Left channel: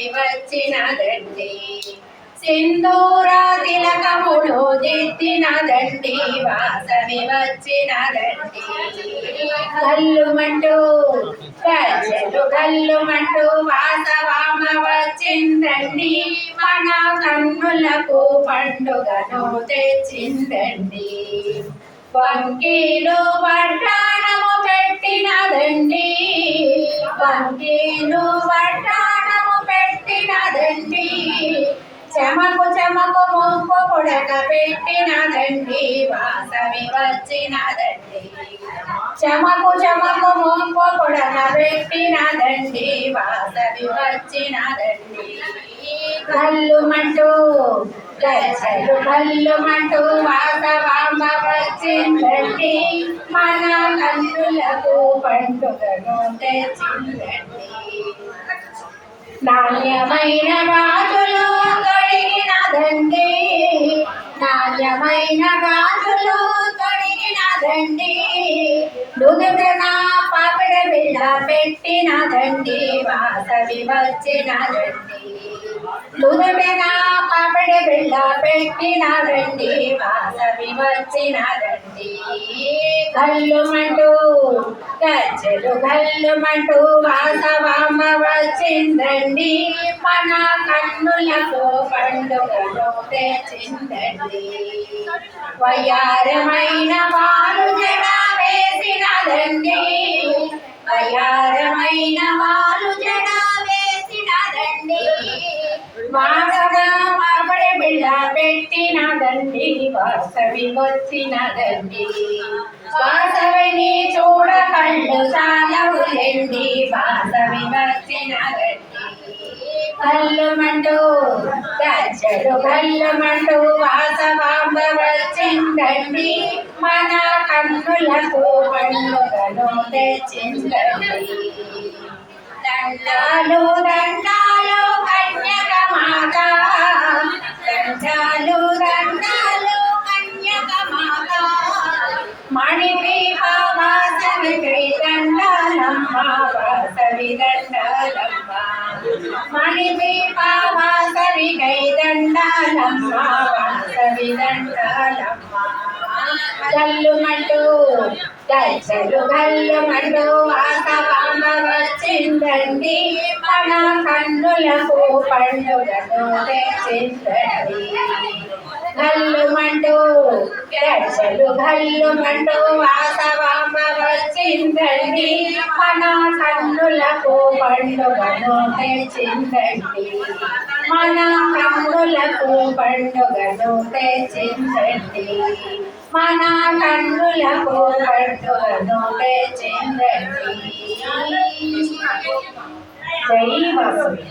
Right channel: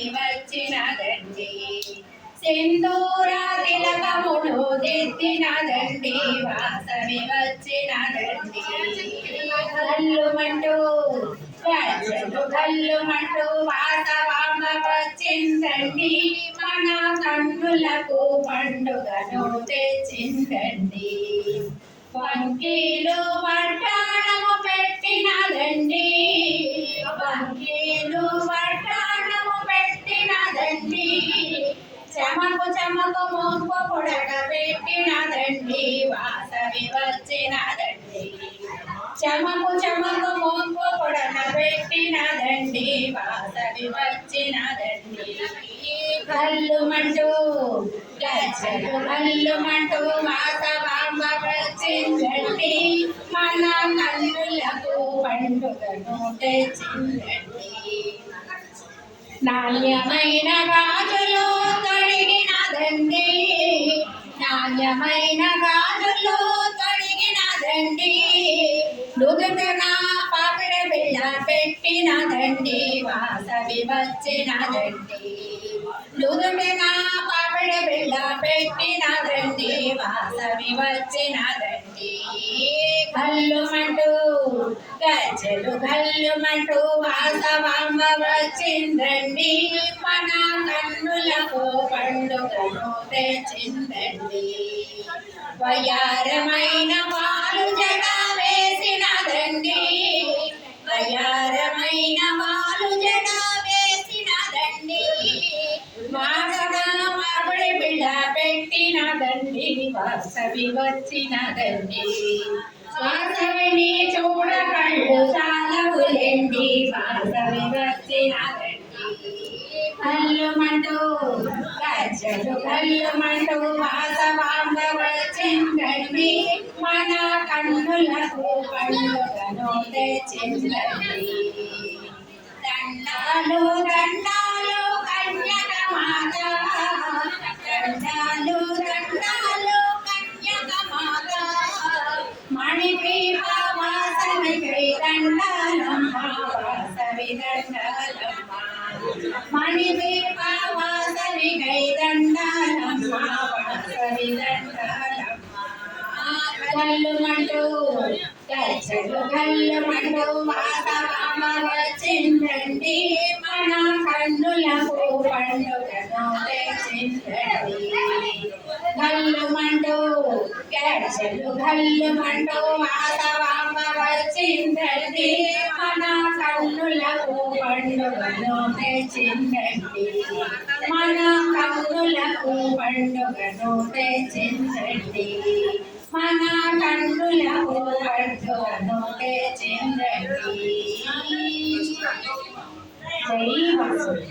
వాసవి వచ్చినదండి సింధూరా తిలకములు దిద్దినదండి వాసవి వచ్చినదండి గల్లుమంటూ గజ్జలు గల్లుమంటూ వాసవామ వచ్చిందండి మన కన్నులకు పండుగను తెచ్చిందండి వంకీలు వడ్డాణము పెట్టినదండి వంకీలు వడ్డాణము పెట్టినదండి చెమకు చెమకు మొక్కు పుడక పెట్టినదండి వాసవి వచ్చినదండి చెమకు చెమకు మొక్కు పుడక పెట్టినదండి వాసవి వచ్చినదండి కల్లుమంటూ గజ్జలు కల్లుమంటూ వాసవాంబ వచ్చిందండి మన కన్నులకు పండుగను తెచ్చిందండి నాణ్యమైన గాజులు తొడిగినదండి నాణ్యమైన గాజులు తొడిగినదండి నుదుటన పాపిడ బిళ్ళ పెట్టినదండి వాసవి వచ్చినదండి నుదుటన పాపిడ బిళ్ళ పెట్టినదండి వాసవి వచ్చినదండి కల్లుమంటూ గజ్జలు గల్లుమంటూ వాసవాంబ వచ్చిందండి మన కన్నులకు పండుగను తెచ్చిందండి వయ్యారమైన వారు జడ వేసినదండి వయ్యారమైన వారు జడ వేసినదండి మాసగా మాపడి బిళ్ళ పెట్టినదండి వాసవి వచ్చినదండి వాసవిని చూడ కళ్ళు సాలవులేండి వాసవి వచ్చినదండి కల్లుమంటూ గజ్జలు కల్లుమంటూ వాసవాంబ వచ్చిందండి మన కన్నులకు పండుగను తెచ్చిందండి దండాలు దండాలు కన్యక మాత దండాలు దండాలు కన్యక మాత మణిపీప వాసవికై దండాలమ్మ వాసవి దండాలమ్మ మణిపీప వాసవికై దండాలమ్మ వాసవి దండాలమ్మ గల్లుమంటూ గజ్జలు గల్లుమంటూ వాసవాంబ వచ్చిందండి మన కన్నులకు పండుగను తెచ్చిందండి గల్లుమంటూ గజ్జలు గల్లుమంటూ వాసవాంబ వచ్చిందండి మన కన్నులకు పండుగను తెచ్చిందండి మన కన్నులకు పండుగను తెచ్చిందండి మన కన్నులకు పండుగను తెచ్చిందండి జై వాసవి